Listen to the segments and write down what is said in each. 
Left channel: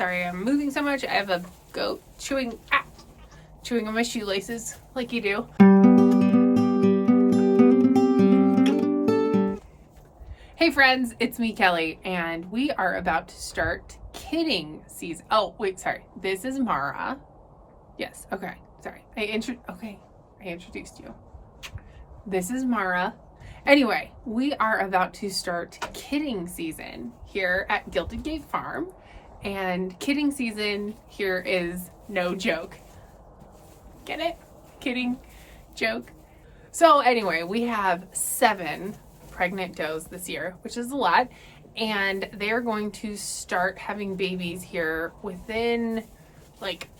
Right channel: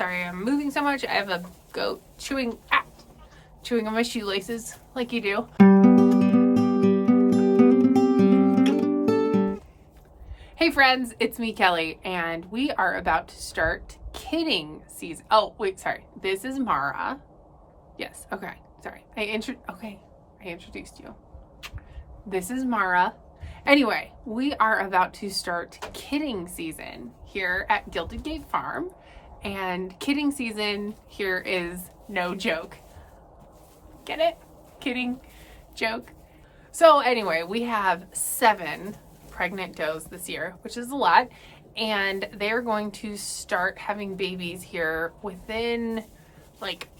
Sorry I'm moving so much. I have a goat chewing on my shoelaces like you do. Hey friends, it's me, Kelly, and we are about to start kidding season. Oh, wait, sorry. This is Mara. Yes, okay, sorry. I introduced you. This is Mara. Anyway, we are about to start kidding season here at Gilded Gate Farm. And kidding season here is no joke. Get it? Kidding, joke. So anyway, we have 7 pregnant does this year, which is a lot. And they're going to start having babies here within like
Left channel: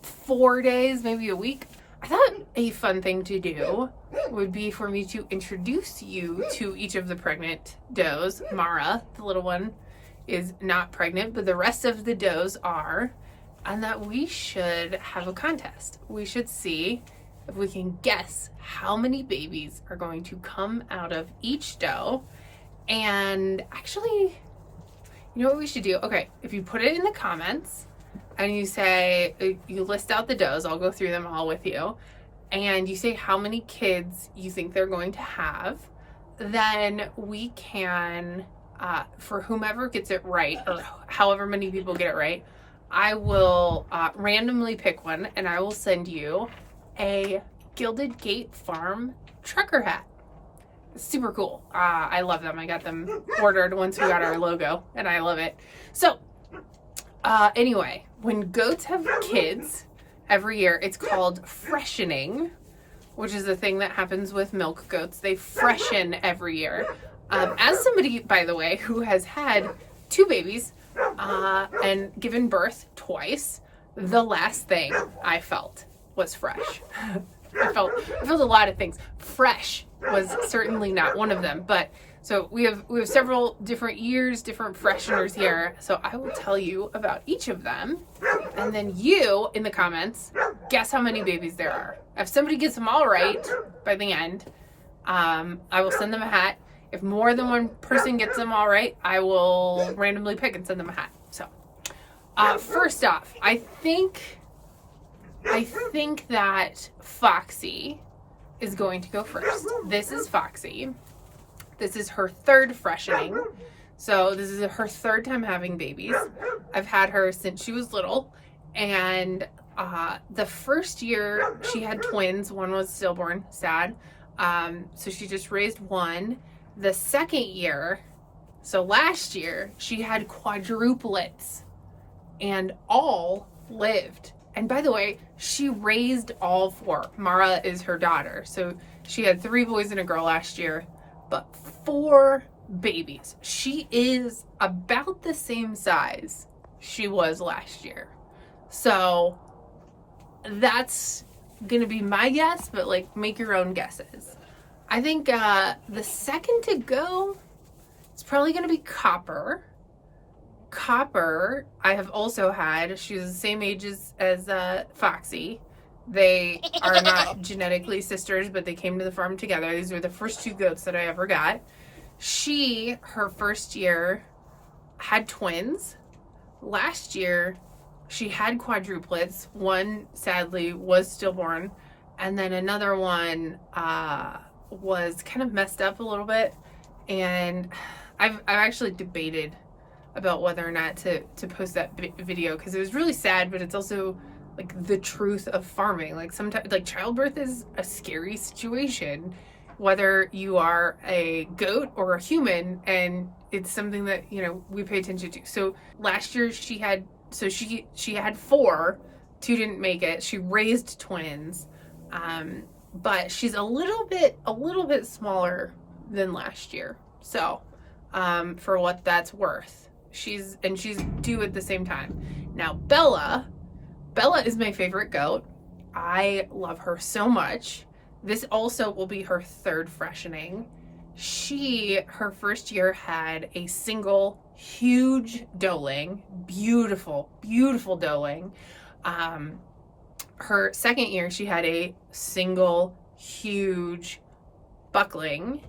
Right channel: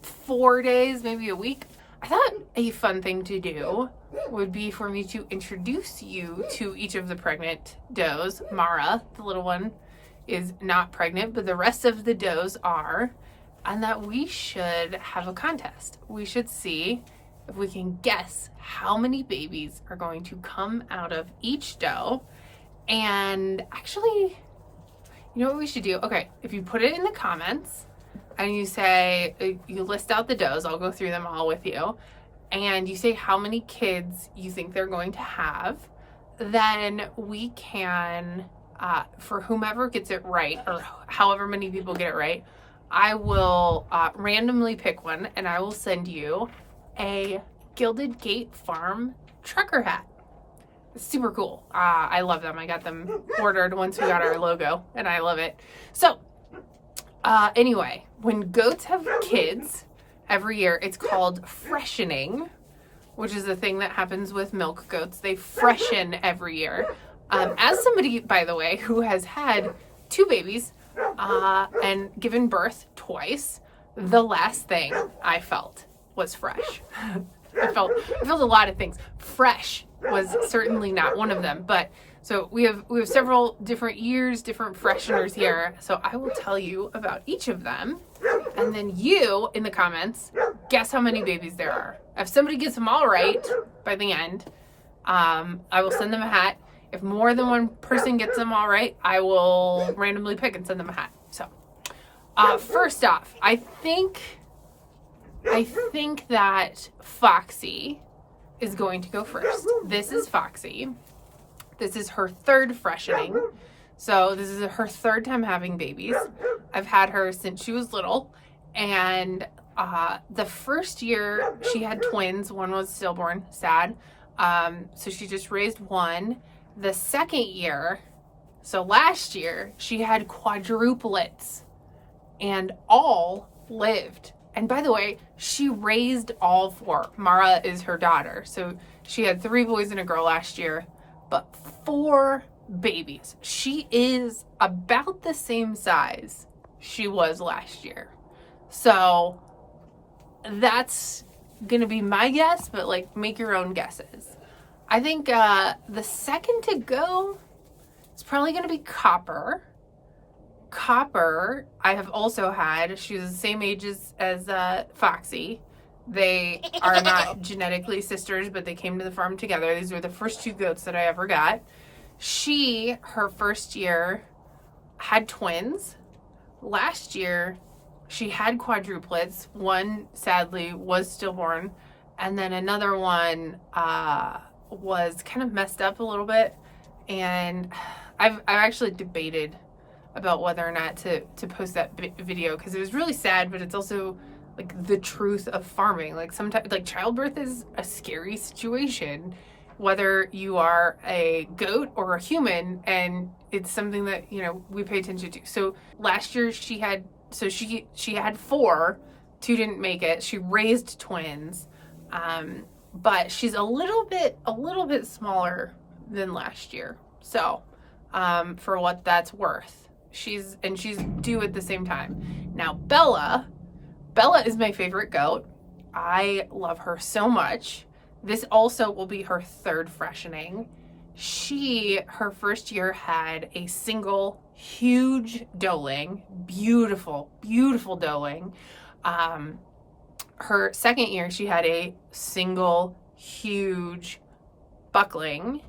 4 days, maybe a week. I thought a fun thing to do would be for me to introduce you to each of the pregnant does. Mara, the little one, is not pregnant, but the rest of the does are, and that we should have a contest. We should see if we can guess how many babies are going to come out of each doe. And actually, you know what we should do? Okay, if you put it in the comments and you say, you list out the does, I'll go through them all with you, and you say how many kids you think they're going to have, then we can, for whomever gets it right, or however many people get it right, I will randomly pick one, and I will send you a Gilded Gate Farm trucker hat. It's super cool. I love them. I got them ordered once we got our logo, and I love it. So, anyway, when goats have kids every year, it's called freshening, which is a thing that happens with milk goats. They freshen every year. As somebody, by the way, who has had 2 babies and given birth twice, the last thing I felt was fresh. I felt a lot of things. Fresh was certainly not one of them, but so we have several different years, different fresheners here. So I will tell you about each of them, and then you in the comments guess how many babies there are. If somebody gets them all right by the end, I will send them a hat. If more than one person gets them all right, I will randomly pick and send them a hat. So first off, I think that Foxy is going to go first. This is Foxy. This is her 3rd freshening. So this is her 3rd time having babies. I've had her since she was little. And the first year she had twins. One was stillborn, sad. So she just raised one. The second year, so last year, she had quadruplets and all lived. And by the way, she raised all 4. Mara is her daughter. So she had 3 boys and a girl last year, but 4 babies. She is about the same size she was last year. So that's gonna be my guess, but like make your own guesses. I think the second to go is probably gonna be Copper. Copper, I have also had. She was the same age as Foxy. They are not genetically sisters, but they came to the farm together. These were the first 2 goats that I ever got. Her first year, had twins. Last year, she had quadruplets. One, sadly, was stillborn. And then another one was kind of messed up a little bit. And I've actually debated about whether or not to post that video, because it was really sad, but it's also like the truth of farming. Like sometimes, like childbirth is a scary situation, whether you are a goat or a human, and it's something that, you know, we pay attention to. So last year she had 4, 2 didn't make it. She raised twins, but she's a little bit smaller than last year. So for what that's worth. She's due at the same time. Now, Bella is my favorite goat. I love her so much. This also will be her 3rd freshening. Her first year had a single huge doeling, beautiful doeling. Her second year, she had a single huge buckling.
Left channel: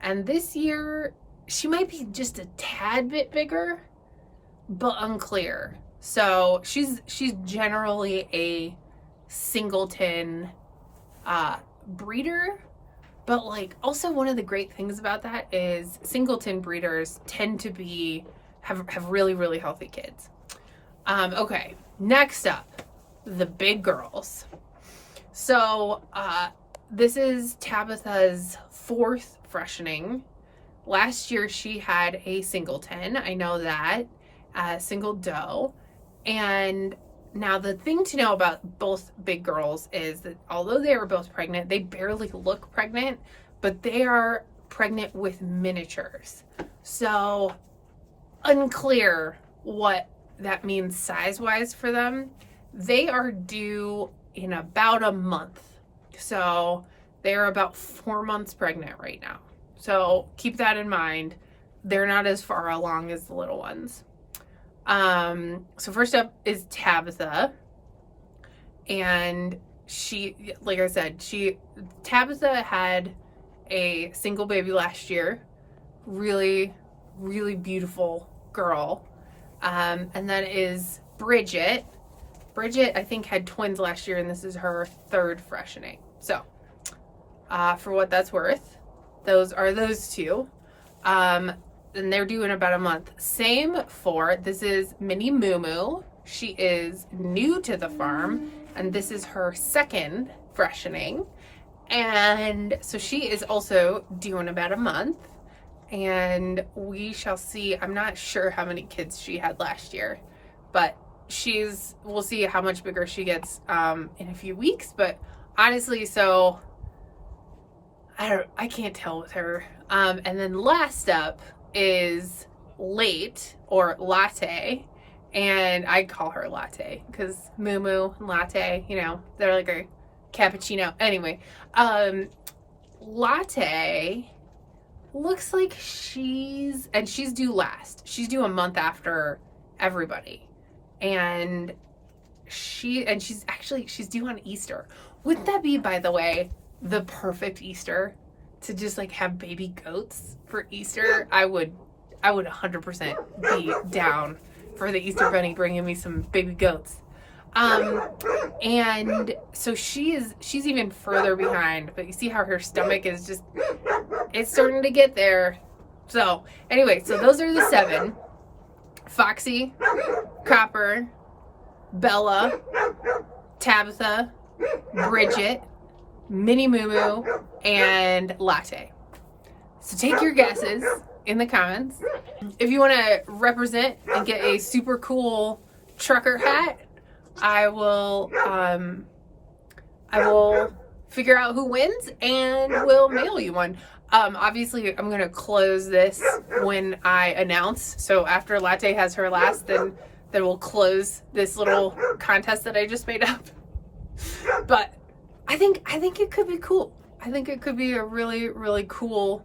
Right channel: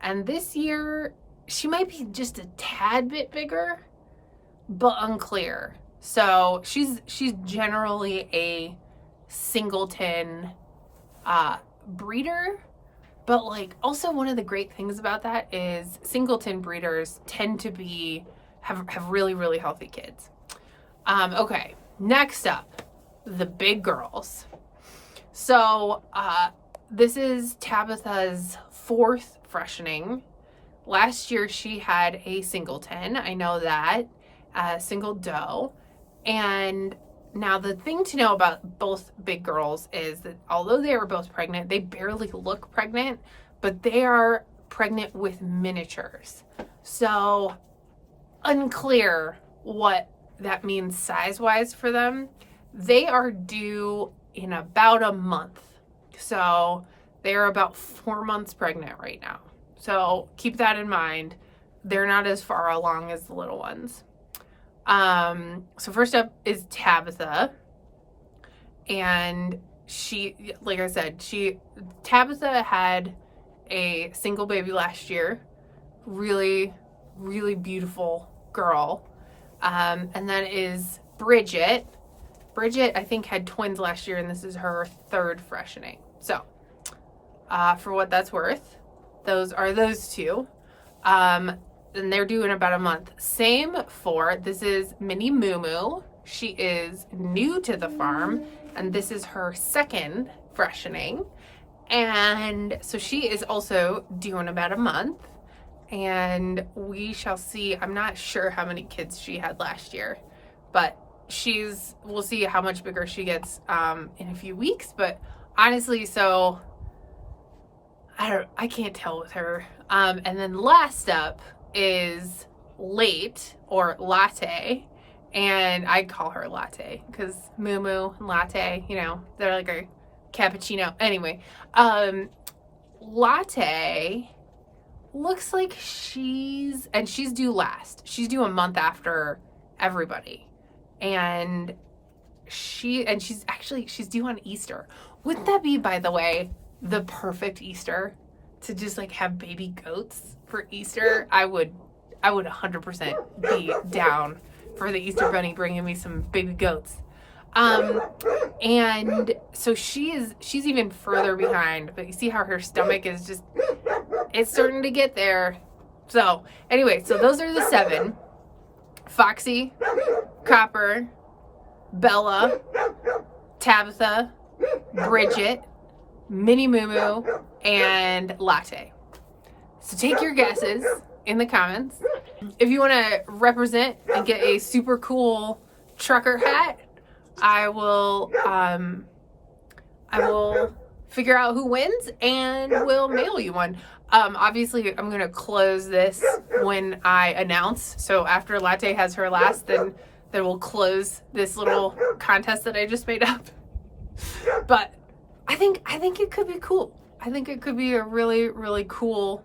And this year, she might be just a tad bit bigger, but unclear. So she's generally a singleton breeder, but like also one of the great things about that is singleton breeders tend to have really, really healthy kids. Okay, next up, the big girls. So this is Tabitha's 4th freshening. Last year she had a singleton, I know that, single doe. And now the thing to know about both big girls is that although they were both pregnant, they barely look pregnant, but they are pregnant with miniatures. So unclear what that means size-wise for them. They are due in about a month. So they are about 4 months pregnant right now. So keep that in mind. They're not as far along as the little ones. So first up is Tabitha. And she, like I said, Tabitha had a single baby last year. Really, really beautiful girl. And then is Bridgett. Bridgett, I think, had twins last year, and this is her 3rd freshening. So, for what that's worth, those are those two. And they're due in about a month. Same for, this is Mini Moo Moo. She is new to the farm, and this is her 2nd freshening. And so she is also due in about a month. And we shall see. I'm not sure how many kids she had last year, but we'll see how much bigger she gets in a few weeks. But honestly, so I can't tell with her. And then last up is Latte, and I call her Latte because Moo Moo and Latte, you know, they're like a cappuccino. Anyway, Latte looks like she's due last. She's due a month after everybody. And she's due on Easter. Wouldn't that be, by the way, the perfect Easter to just like have baby goats for Easter? I would 100% be down for the Easter bunny bringing me some baby goats. And so she's even further behind, but you see how her stomach is just, it's starting to get there. So anyway, so those are the 7. Foxy, Copper, Bella, Tabitha, Bridgett, Mini Moo Moo, and Latte. So take your guesses in the comments. If you want to represent and get a super cool trucker hat, I will figure out who wins and will mail you one. Obviously, I'm going to close this when I announce. So after Latte has her last, then we'll close this little contest that I just made up. But I think it could be cool. I think it could be a really, really cool,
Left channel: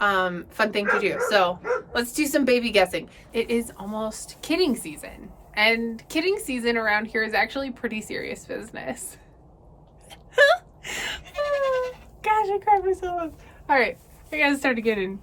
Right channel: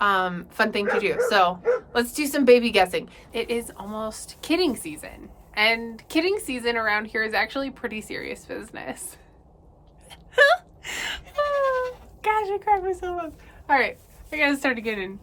fun thing to do. So let's do some baby guessing. It is almost kidding season. And kidding season around here is actually pretty serious business. Gosh, I cried myself up. All right, I gotta start getting